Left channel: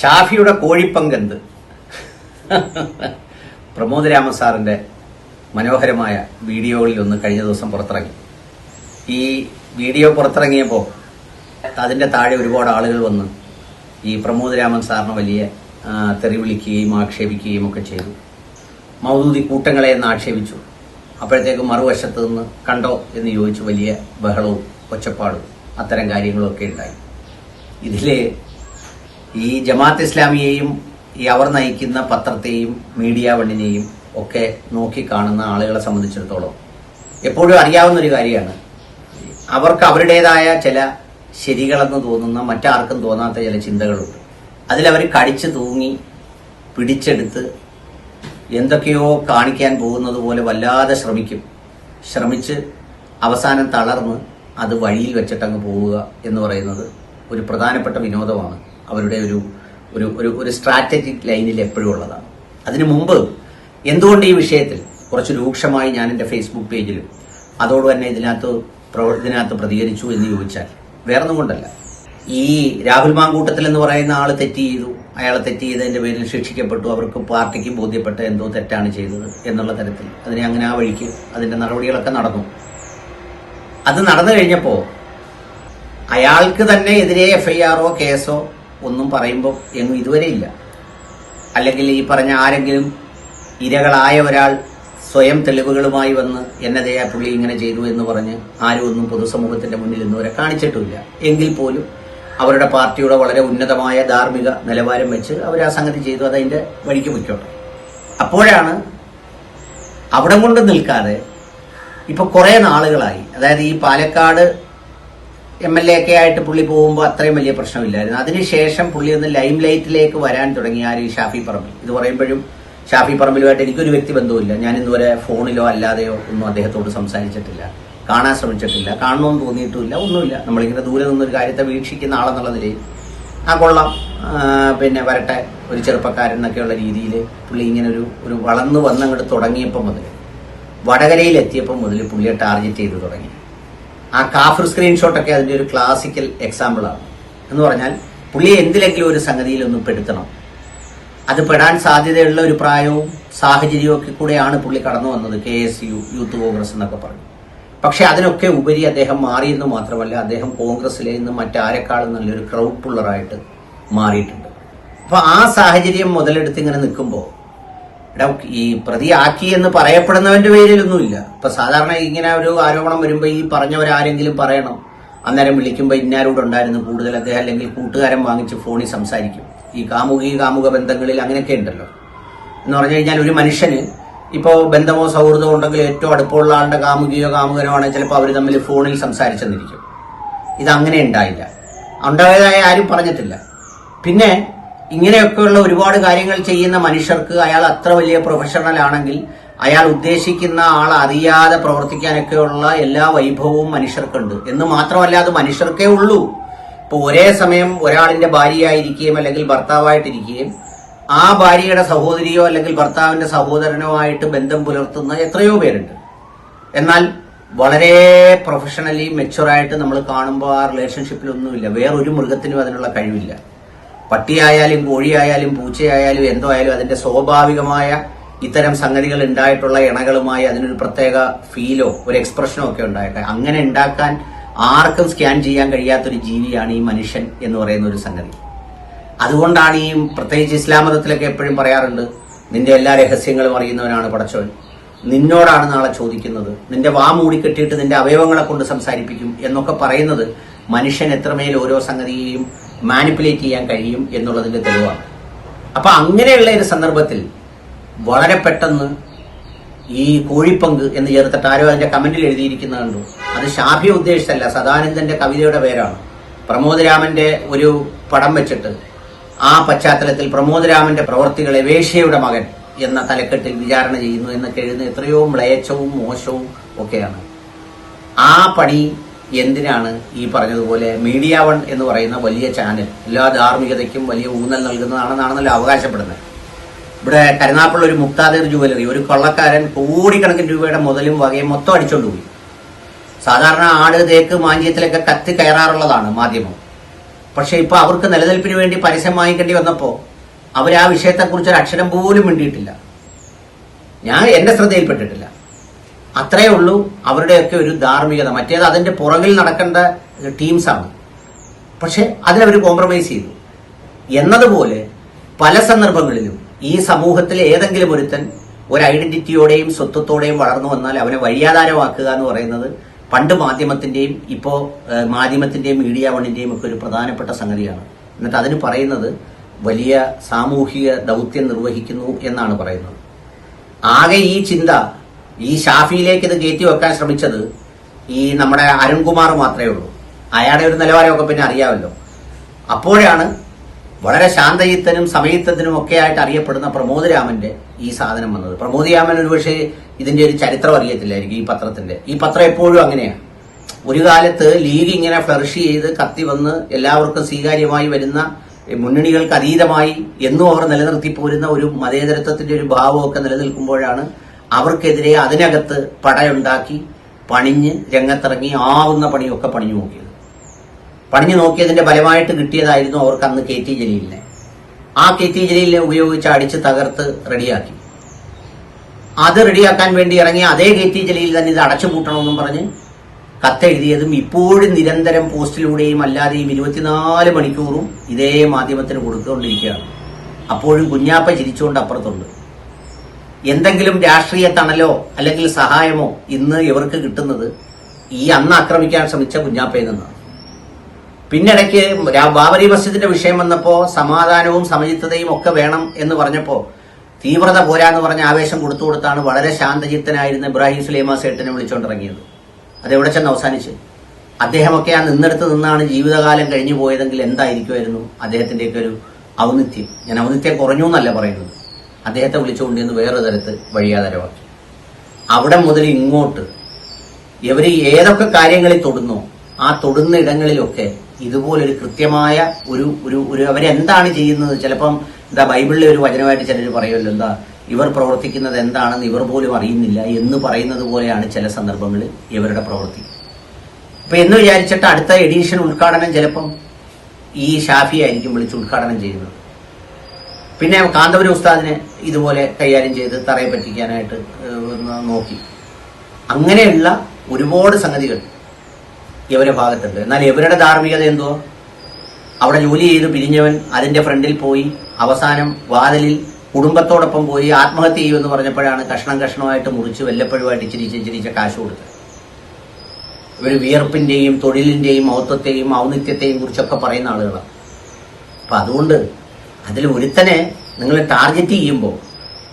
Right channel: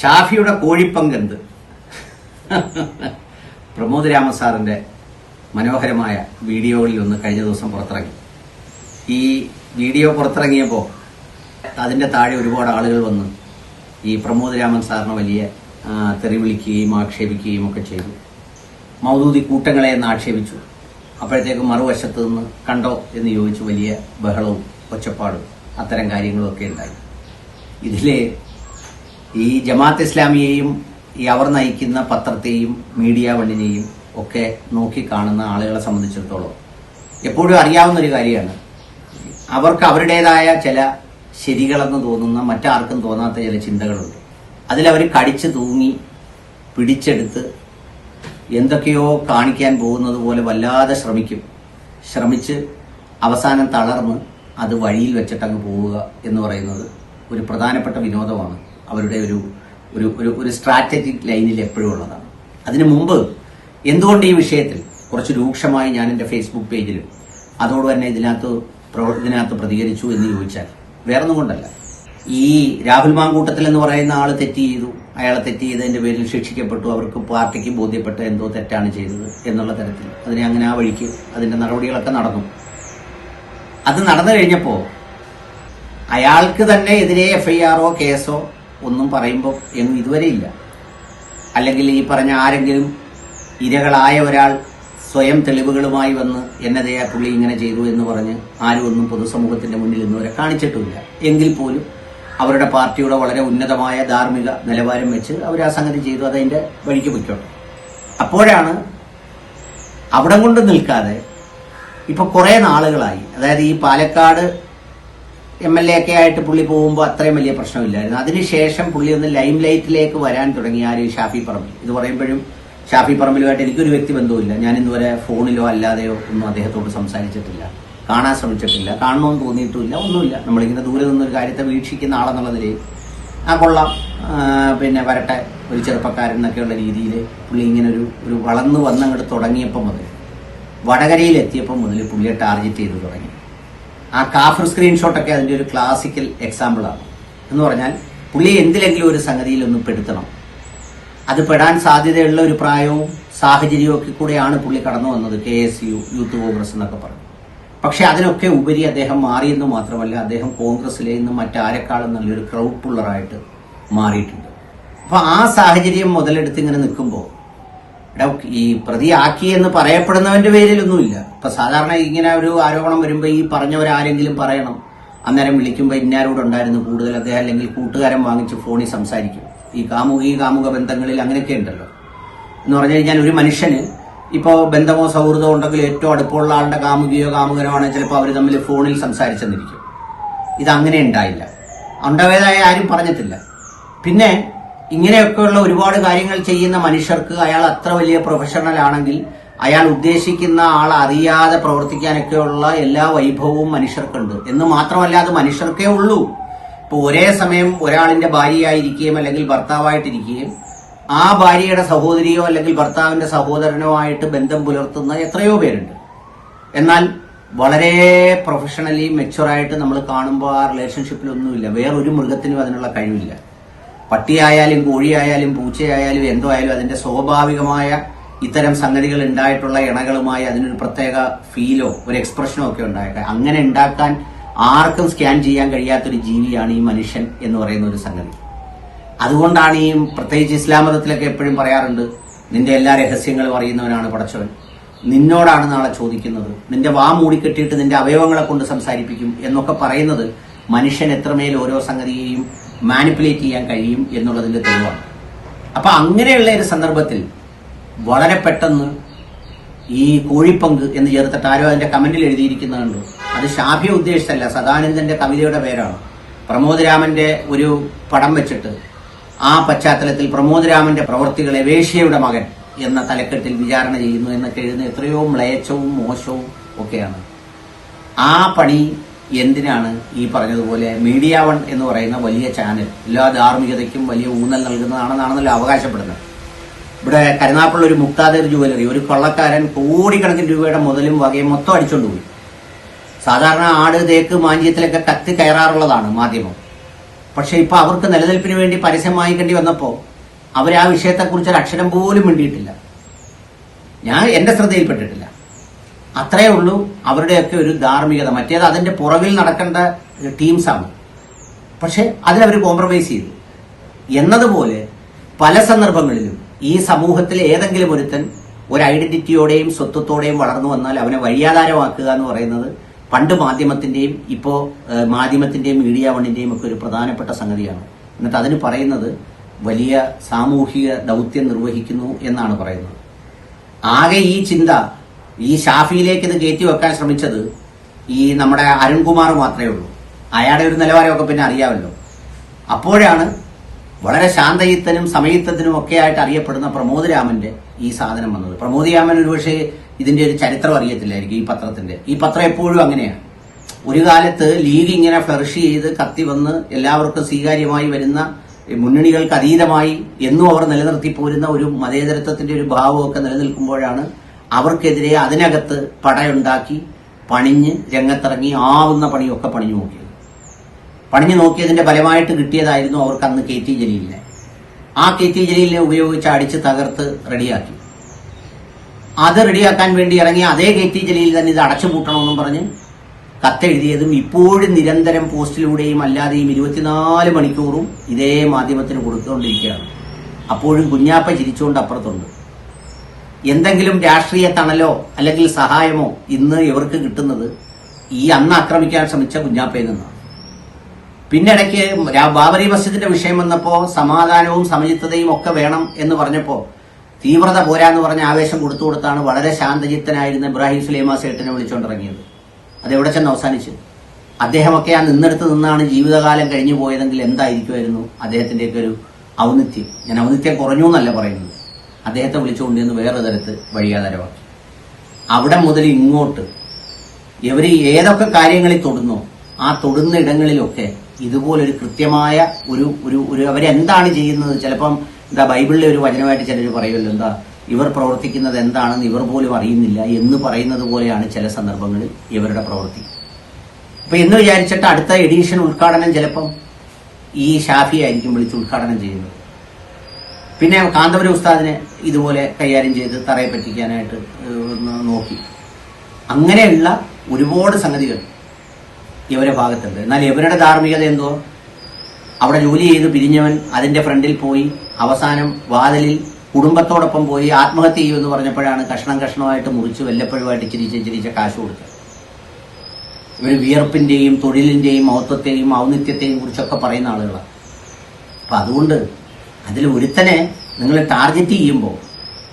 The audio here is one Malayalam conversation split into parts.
ഷാഫിയുടെ കോഴിപ്പങ്കെന്ത്? പ്രമോദ് രാമ സാറിന്റെ മനോഹരമായ വീഡിയോകളിൽ ഒന്ന് കഴിഞ്ഞ ദിവസം പുറത്തിറങ്ങി. ഈ വീഡിയോ പുറത്തിറങ്ങിയപ്പോൾ അതിന്റെ താഴെ ഒരുപാട് ആളുകൾ വന്ന് ഈ പ്രമോദ് രാമൻ സാറിനെ വലിയ തെറി വിളിക്കുകയും ആക്ഷേപിക്കുകയും ഒക്കെ ചെയ്തു. മൗദൂദി കൂട്ടങ്ങളെ എന്ന് ആക്ഷേപിച്ചു. അപ്പോഴത്തേക്ക് മറുവശത്ത് നിന്ന് കണ്ടോ എന്ന് ചോദിച്ചു വലിയ ബഹളവും ഒച്ചപ്പാടും അത്തരം കാര്യങ്ങളൊക്കെ ഉണ്ടായി. ഇതിൽ ഈ ജമാഅത്ത് ഇസ്ലാമിയെയും ഈ അവർ നയിക്കുന്ന പത്രത്തെയും മീഡിയ വണ്ണിനെയും ഒക്കെ നോക്കി കാണുന്ന ആളുകളെ സംബന്ധിച്ചിടത്തോളം എപ്പോഴും അറിയാവുന്ന ഒരു കാര്യമാണ്. അവർക്ക് അവരുടേതായ ചില ശരികളെന്ന് തോന്നുന്ന മറ്റാർക്കും തോന്നാത്ത ചില ചിന്തകളുണ്ട്. അതിലവർ കടിച്ചു തൂങ്ങി പിടിച്ചെടുത്ത് എന്തൊക്കെയോ കാണിക്കാൻ പോകുന്നത് പോലെ വല്ലാതെ ശ്രമിക്കും. ശ്രമിച്ച് അവസാനം തളർന്ന് അത് വഴിയിൽ വെച്ചിട്ടങ്ങ് പോവുക എന്ന് പറയുന്നത് ഒരു പ്രധാനപ്പെട്ട വിനോദമാണ്. അവരുടെ ഒരു ഒരു ഒരു ഒരു സ്ട്രാറ്റജിക് ലൈനിൽ എപ്പോഴും ഉള്ളതാണ്. അതിനു മുമ്പ് എന്തുകൊണ്ട് ഈ വിഷയത്തിൽ കുറച്ച് രൂക്ഷമായി ഞാൻ എന്റെ ഫേസ്ബുക്ക് പേജിലും അതോട് തന്നെ ഇതിനകത്ത് ഇതിനകത്ത് പ്രതികരിച്ചു എന്ന് ചോദിച്ചാൽ വേറൊന്നും കൊണ്ടല്ല. ഈ രാഹുൽ മാങ്കൂട്ടത്തിൽ എന്ന് പറയുന്ന ആൾ തെറ്റ് ചെയ്തു അയാളെ തെറ്റ് ചെയ്തതിന്റെ പേരിൽ ശിക്ഷിക്കപ്പെട്ടു അവർക്ക് പാർട്ടിക്ക് ബോധ്യപ്പെട്ട എന്തോ തെറ്റാണ് ചെയ്തത് എന്നുള്ള തരത്തിൽ അതിനെ അങ്ങനെ ആ വഴിക്ക് അതിന്റെ നടപടികളൊക്കെ നടന്നു. അത് നടന്നു കഴിഞ്ഞപ്പോൾ അയാൾക്ക് തന്നെ എതിരെ എഫ്ഐആറോ കേസോ ഒന്നും പറയുമ്പോൾ എങ്ങും ഇതുവരെ ഇല്ല. അല്ലെങ്കിൽ ഈ പറഞ്ഞ ആരെങ്കിലും ഇരകളായ ഒരാൾ സ്വയം തെളിവുകളുമായി വന്ന് എന്നതേ പുള്ളി ഇങ്ങനെ ചെയ്തു എന്ന് പറഞ്ഞ് ആരും ഒന്നും പൊതുസമൂഹത്തിന്റെ മുന്നിൽ ഇന്നുവരെ കാണിച്ചിട്ടില്ല. എങ്കിൽ പോലും അവരുടെ പാർട്ടിയുടെ വളരെ ഉന്നതമായ ധാർമ്മിക നിലവാരം വെച്ച് അവർ ആ സംഗതി ചെയ്തു അതതിന്റെ വഴിക്ക് പൊയ്ക്കോട്ടെ. അപ്പോഴാണ് അവിടെ കൊണ്ട് നിൽക്കാതെ ഇപ്പൊ കുറെ നാളുകളായി. അതായത് ഈ പാലക്കാട് എം എൽ എ ഒക്കെ ആയിട്ട് പുള്ളി പോകുമ്പോൾ അത്രയും വലിയ പ്രശ്നമില്ലായിരുന്നു. അതിനുശേഷം പുള്ളി ഒന്ന് ലൈം ലൈറ്റിലേക്ക് വരാൻ തുടങ്ങി ആര് ഷാഫി പറമ്പിൽ ഇത് പറയുമ്പോഴും ഷാഫി പറമ്പിലുമായിട്ട് എനിക്കൊരു വ്യക്തി ബന്ധവുമില്ല ഞാൻ ഇതുവരെ ഫോണിലോ അല്ലാതെയോ ഒന്നും അദ്ദേഹത്തോട് സംസാരിച്ചിട്ടില്ല. കാണാൻ ശ്രമിച്ചിട്ടില്ല. കാണണമെന്ന് തോന്നിയിട്ടുമില്ല. ഒന്നുമില്ല. നമ്മളിങ്ങനെ ദൂരെ നിന്നൊരു കാര്യത്തെ വീക്ഷിക്കുന്ന ആളെന്നുള്ള നിലയിൽ ആ കൊള്ളാം. പിന്നെ വരട്ടെ. ഒരു ചെറുപ്പക്കാരൻ എന്നൊക്കെയുള്ള രീതിയിൽ പുള്ളി ഇങ്ങനെ ഒരു ഒരു വളർന്നു വന്നങ്ങോട്ട് തുടങ്ങിയപ്പോൾ മുതൽ വടകരയിൽ എത്തിയപ്പോൾ മുതൽ പുള്ളിയെ ടാർഗറ്റ് ചെയ്ത് തുടങ്ങി. ആ കാഫർ സ്ക്രീൻഷോട്ടൊക്കെ അതിന്റെ ഒരു ക്ലാസിക്കൽ എക്സാമ്പിൾ ആണ്. എന്ന് പറഞ്ഞാൽ പുള്ളി എന്തിലെങ്കിലും ഒരു സംഗതിയിൽ ഒന്ന് പെടുത്തണം. അത് പെടാൻ സാധ്യതയുള്ള ഒരു പ്രായവും സാഹചര്യവും ഒക്കെ കൂടെയാണ് പുള്ളി കടന്നു വന്നത് K S U youth Congress എന്നൊക്കെ പറഞ്ഞു. പക്ഷെ അതിനൊക്കെ ഉപരി അദ്ദേഹം മാറിയെന്ന് മാത്രമല്ല അദ്ദേഹം കോൺഗ്രസിലെ നിന്ന് മറ്റാരെക്കാളും നല്ലൊരു ക്രൗഡ് പുള്ളറായിട്ട് മാറിയിട്ടുണ്ട്. അപ്പൊ ആ സാഹചര്യം മുതലെടുത്ത് ഇങ്ങനെ നിൽക്കുമ്പോൾ എടാ ഈ പ്രതിയാക്കി എന്ന് പറയപ്പെടുന്നവന്റെ പേരിലൊന്നുമില്ല. ഇപ്പൊ സാധാരണ ഇങ്ങനെ ഒരു ആരോപണം വരുമ്പോ ഈ പറഞ്ഞവരാരെങ്കിലും പറയണം. അന്നേരം വിളിക്കുമ്പോ ഇന്നാരോടുണ്ടായിരുന്നു അദ്ദേഹം അല്ലെങ്കിൽ കൂട്ടുകാരൻ വാങ്ങിച്ച് ഫോണിൽ സംസാരിക്കും. ഈ കാമുകി കാമുക ബന്ധങ്ങളിൽ അങ്ങനെയൊക്കെ ഉണ്ടല്ലോ. എന്ന് പറഞ്ഞു കഴിഞ്ഞാൽ ഒരു മനുഷ്യന് ഇപ്പോ ബന്ധമോ സൗഹൃദമോ ഉണ്ടെങ്കിൽ ഏറ്റവും അടുപ്പമുള്ള ആളുടെ കാമുകിയോ കാമുകനോ ആണെങ്കിൽ ചിലപ്പോൾ അവർ തമ്മിൽ ഫോണിൽ സംസാരിച്ചെന്നിരിക്കും. ഇതങ്ങനെ ഉണ്ടായില്ല. ഉണ്ടായതായ ആരും പറഞ്ഞിട്ടില്ല. പിന്നെ ഇങ്ങനെയൊക്കെയുള്ള ഒരുപാട് കാര്യങ്ങൾ ചെയ്യുന്ന മനുഷ്യർക്ക് അയാൾ അത്ര വലിയ പ്രൊഫഷണൽ ആണെങ്കിൽ അയാൾ ഉദ്ദേശിക്കുന്ന ആൾ അറിയാതെ പ്രവർത്തിക്കാനൊക്കെയുള്ള എല്ലാ വൈഭവവും മനുഷ്യർക്കുണ്ട്. എന്ന് മാത്രമല്ല അത് മനുഷ്യർക്കേ ഉള്ളൂ. ഇപ്പൊ ഒരേ സമയം ഒരാളിന്റെ ഭാര്യയായിരിക്കുകയും അല്ലെങ്കിൽ ഭർത്താവായിട്ടിരിക്കുകയും ആ ഭാര്യയുടെ സഹോദരിയോ അല്ലെങ്കിൽ ഭർത്താവിന്റെ സഹോദരനോ ആയിട്ട് ബന്ധം പുലർത്തുന്ന എത്രയോ പേരുണ്ട്. എന്നാൽ വളരെ പ്രൊഫഷണലി മെച്ചുറായിട്ട് നമ്മൾ കാണുമ്പോൾ ആ റിലേഷൻഷിപ്പിലൊന്നുമില്ല വേറൊരു മൃഗത്തിനും അതിനുള്ള കഴിവില്ല. പട്ടിയായാലും കോഴിയായാലും പൂച്ചയായാലും എന്തോ ആയാലും അതിന്റെ സ്വാഭാവികമായ ഇത്തരം സംഗതികൾ ഉണ്ടായിട്ടുള്ള ഇണകളുമായി അതിനൊരു പ്രത്യേക ഫീലോ ഒരു എക്സ്പ്രഷനോ ഒക്കെ ഉണ്ടായിട്ട് അങ്ങനെ ഉണ്ടാക്കാൻ ആർക്കും സ്കാൻ ചെയ്യാൻ കഴിയാത്തൊരു ജീവിയാണ് ഈ മനുഷ്യൻ എന്ന് പറയുന്ന ഒരു സംഗതി. അതുകൊണ്ടാണ് ഈ പ്രത്യേകിച്ച് ഇസ്ലാം മതത്തിലൊക്കെ എപ്പോഴും പറയാറുണ്ട് നിന്റെ എല്ലാ രഹസ്യങ്ങളും അറിയുന്നവനാണ് പടച്ചവൻ. നിന്നോടാണ് നാളെ ചോദിക്കുന്നത്. നിന്റെ വാ മൂടിക്കെട്ടിയിട്ട് നിന്റെ അവയവങ്ങളെ കൊണ്ട് സംസാരിപ്പിക്കും എന്നൊക്കെ പറയുന്നത് മനുഷ്യൻ എത്രമേൽ ഓരോ സംഗതിയെയും മാനിപ്പുലേറ്റ് ചെയ്യാൻ കഴിയും എന്നുള്ളതിന്റെ തെളിവാണ്. അപ്പൊ അങ്ങനെയുള്ള ഒരു സന്ദർഭത്തിൽ വളരെ പെട്ടെന്ന് ഈ കോഴിപ്പങ്ക് എന്ന് ചേർത്തിട്ട് ആരോ അതിന്റെ കമന്റിൽ എഴുതിയിരിക്കുന്നതുണ്ട് അത് ഷാഫി ഉദ്ദേശിച്ചല്ല സദാനന്ദന്റെ കവിതയുടെ പേരാണ്. പ്രമോദരാമന്റെ ഒരു പടം വെച്ചിട്ട് ആ പശ്ചാത്തലത്തിൽ പ്രമോദരാമന്റെ പ്രവർത്തികളെ വേശ്യയുടെ മകൻ എന്ന തലക്കെട്ടിൽ വിചാരണ ചെയ്യുന്നു എന്നൊക്കെ എഴുതുന്ന എത്രയോ മ്ലേച്ഛവും മോശവും ഒക്കെയാണ്. ആ പണി എന്തിനാണ് ഈ പറഞ്ഞതുപോലെ മീഡിയ വൺ എന്ന് പറയുന്ന വലിയ ചാനൽ എല്ലാ ധാർമ്മികതയ്ക്കും വലിയ ഊന്നൽ നൽകുന്നതാണെന്നാണെന്നല്ലോ അവകാശപ്പെടുന്നത്. ഇവിടെ കരുനാപ്പുള്ള ഒരു മുക്താദേർ ജുവലറി ഒരു കൊള്ളക്കാരൻ കോടിക്കണക്കിന് രൂപയുടെ മുതലും വകയും മൊത്തം അടിച്ചുകൊണ്ടുപോയി പോയി. സാധാരണ ആട് തേക്ക് മാന്യത്തിലൊക്കെ കത്തി കയറാറുള്ളതാണ് മാധ്യമം. പക്ഷെ ഇപ്പൊ അവർക്ക് നിലനിൽപ്പിന് വേണ്ടി പരസ്യം വാങ്ങിക്കേണ്ടി വന്നപ്പോ അവർ ആ വിഷയത്തെക്കുറിച്ച് ഒരു അക്ഷരം പോലും മിണ്ടിയിട്ടില്ല. ഞാൻ എന്റെ ശ്രദ്ധയിൽപ്പെട്ടിട്ടില്ല. അത്രയേ ഉള്ളൂ അവരുടെയൊക്കെ ഒരു ധാർമ്മികത. മറ്റേത് അതിന്റെ പുറകിൽ നടക്കേണ്ട ടീംസാണ് പക്ഷെ അതിലവർ കോംപ്രമൈസ് ചെയ്തു. എന്നതുപോലെ പല സന്ദർഭങ്ങളിലും ഈ സമൂഹത്തിലെ ഏതെങ്കിലും ഒരുത്തൻ ഒരു ഐഡന്റിറ്റിയോടെയും സ്വത്വത്തോടെയും വളർന്നു വന്നാൽ അവനെ വഴിയാധാരമാക്കുക എന്ന് പറയുന്നത് പണ്ട് മാധ്യമത്തിന്റെയും ഇപ്പോ മാധ്യമത്തിന്റെയും മീഡിയ വണ്ണിന്റെയും ഒക്കെ ഒരു പ്രധാനപ്പെട്ട സംഗതിയാണ്. എന്നിട്ട് അതിന് പറയുന്നത് വലിയ സാമൂഹിക ദൗത്യം നിർവഹിക്കുന്നു എന്നാണ് പറയുന്നത്. ആകെ ഈ ചിന്ത ഈ ഷാഫിയിലേക്ക് ഇത് കയറ്റി വെക്കാൻ ശ്രമിച്ചത് ഈ നമ്മുടെ അരുൺകുമാർ മാത്രമേ ഉള്ളൂ. അയാളുടെ ഒരു നിലവാരമൊക്കെ പിന്നെ അറിയാമല്ലോ. അപ്പോഴാണ് വളരെ ശാന്തയുത്തനും സമയത്തനും ഒക്കെ ആയിട്ട് അറിയപ്പെടുന്ന പ്രമോദ് രാമന്റെ ഈ സാധനം വന്നത്. പ്രമോദ് രാമൻ ഒരുപക്ഷെ ഇതിന്റെ ഒരു ചരിത്രം അറിയത്തില്ലായിരിക്കും ഈ പത്രത്തിന്റെ. ഈ പത്രം എപ്പോഴും അങ്ങനെയാണ്. ഒരു കാലത്ത് ലീഗ് ഇങ്ങനെ ഫ്ലറിഷ് ചെയ്ത് കത്തി വന്ന് എല്ലാവർക്കും സ്വീകാര്യമായി വരുന്ന മുന്നണികൾക്ക് അതീതമായി എന്നും അവർ നിലനിർത്തി പോരുന്ന ഒരു മതേതരത്വത്തിന്റെ ഒരു ഭാവമൊക്കെ നിലനിൽക്കുമ്പോഴാണ് അവർക്കെതിരെ അതിനകത്ത് പടയുണ്ടാക്കി പണിഞ്ഞ് രംഗത്തിറങ്ങി ആവുന്ന പണിയൊക്കെ പണിഞ്ഞു നോക്കിയത്. പണിഞ്ഞു നോക്കിയതിന്റെ ഫലമായിട്ട് കിട്ടിയതായിരുന്നു അവർക്ക് അന്ന് കെ ടി ജലീലിനെ. ആ കെ ടി ജലീലിനെ ഉപയോഗിച്ച് അടിച്ച് തകർത്ത് റെഡിയാക്കി. അത് റെഡിയാക്കാൻ വേണ്ടി ഇറങ്ങിയ അതേ കെ ടി ജലീൽ തന്നെ ഇത് അടച്ചുപൂട്ടണമെന്നും പറഞ്ഞ് കത്തെഴുതിയതും ഇപ്പോഴും നിരന്തരം പോസ്റ്റിലൂടെയും അല്ലാതെയും ഇരുപത്തിനാല് മണിക്കൂറും ഇതേ മാധ്യമത്തിന് കൊടുത്തുകൊണ്ടിരിക്കുകയാണ്. അപ്പോഴും കുഞ്ഞാപ്പ ചിരിച്ചുകൊണ്ട് അപ്പുറത്തുണ്ട്. എന്തെങ്കിലും രാഷ്ട്രീയ തണലോ അല്ലെങ്കിൽ സഹായമോ ഇന്ന് ഇവർക്ക് കിട്ടുന്നത്? ഈ അന്ന് ആക്രമിക്കാൻ ശ്രമിച്ച കുഞ്ഞാപ്പയിൽ നിന്നാണ്. പിന്നിടയ്ക്ക് ബാബരി മസ്ജിദിന്റെ വിഷയം വന്നപ്പോ സമാധാനവും സമചിത്തതയും ഒക്കെ വേണം എന്ന് പറഞ്ഞപ്പോ തീവ്രത പോരാന്ന് പറഞ്ഞ ആവേശം കൊടുത്തു കൊടുത്താണ് വളരെ ശാന്തചിത്തനായിരുന്ന ഇബ്രാഹിം സുലൈമാ സേട്ടിനെ വിളിച്ചുകൊണ്ടിറങ്ങിയത് അതെവിടെ ചെന്ന് അവസാനിച്ചു? അദ്ദേഹമൊക്കെ ആ നിന്നെടുത്ത് നിന്നാണ് ജീവിതകാലം കഴിഞ്ഞു പോയതെങ്കിൽ എന്തായിരിക്കുമായിരുന്നു അദ്ദേഹത്തിന്റെയൊക്കെ ഒരു ഔന്നിത്യം? ഞാൻ ഔന്നിത്യം കുറഞ്ഞു എന്നല്ല പറയുന്നത്. അദ്ദേഹത്തെ വിളിച്ചുകൊണ്ട് ഇന്ന് വേറൊരു തരത്ത് വഴിയാതരവാക്കി അവിടെ മുതൽ ഇങ്ങോട്ട് ഇവർ ഏതൊക്കെ കാര്യങ്ങളിൽ തൊടുന്നോ ആ തൊടുന്ന ഇടങ്ങളിലൊക്കെ ഇതുപോലൊരു കൃത്യമായ ഒരു ഒരു ഒരു അവരെന്താണ് ചെയ്യുന്നത്? ചിലപ്പം എന്താ ബൈബിളിലെ ഒരു വചനമായിട്ട് ചിലർ പറയുമല്ലോ എന്താ ഇവർ പ്രവർത്തിക്കുന്നത് എന്താണെന്ന് ഇവർ പോലും അറിയുന്നില്ല എന്ന് പറയുന്നത് പോലെയാണ് ചില സന്ദർഭങ്ങളിൽ ഇവരുടെ പ്രവൃത്തി. അപ്പൊ എന്ന് വിചാരിച്ചിട്ട് അടുത്ത എഡീഷൻ ഉദ്ഘാടനം ചിലപ്പം ഈ ഷാഫി ആയിരിക്കും വിളിച്ച് ഉദ്ഘാടനം ചെയ്യുന്നത്. പിന്നെ കാന്തപുരം ഉസ്താദിനെ ഇതുപോലെ കൈകാര്യം ചെയ്ത് തറയെ പറ്റിക്കാനായിട്ട് നോക്കി. അങ്ങനെയുള്ള ഒരുപാട് സംഗതികൾ ഇവരുടെ ഭാഗത്തുണ്ട്. എന്നാൽ ഇവരുടെ ധാർമ്മികത എന്തോ? അവിടെ ജോലി ചെയ്ത് പിരിഞ്ഞവൻ അതിന്റെ ഫ്രണ്ടിൽ പോയി അവസാനം വാതിലിൽ കുടുംബത്തോടൊപ്പം പോയി ആത്മഹത്യ ചെയ്യുമെന്ന് പറഞ്ഞപ്പോഴാണ് കഷ്ണം കഷ്ണമായിട്ട് മുറിച്ച് വല്ലപ്പോഴുമായിട്ട് ഇച്ചിരി ഇച്ചിരിച്ച കാശ് കൊടുത്തത്. ഇവർ വിയർപ്പിന്റെയും തൊഴിലിന്റെയും മഹത്വത്തെയും ഔന്നിത്യത്തെയും കുറിച്ചൊക്കെ പറയുന്ന ആളുകളാണ്. അപ്പൊ അതുകൊണ്ട് അതിൽ ഒരുത്തനെ നിങ്ങൾ ടാർഗറ്റ് ചെയ്യുമ്പോൾ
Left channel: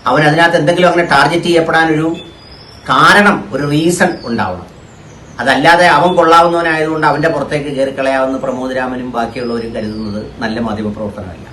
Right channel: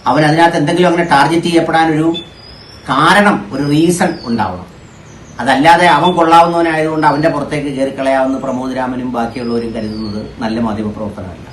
അവൻ അതിനകത്ത് എന്തെങ്കിലും അങ്ങനെ ടാർഗറ്റ് ചെയ്യപ്പെടാനൊരു കാരണം ഒരു റീസൺ ഉണ്ടാവണം. അതല്ലാതെ അവൻ കൊള്ളാവുന്നവനായതുകൊണ്ട് അവന്റെ പുറത്തേക്ക് കയറി കളയാവുന്ന പ്രമോദ് രാമനും ബാക്കിയുള്ളവരും കരുതുന്നത് നല്ല മാധ്യമ പ്രവർത്തനമല്ല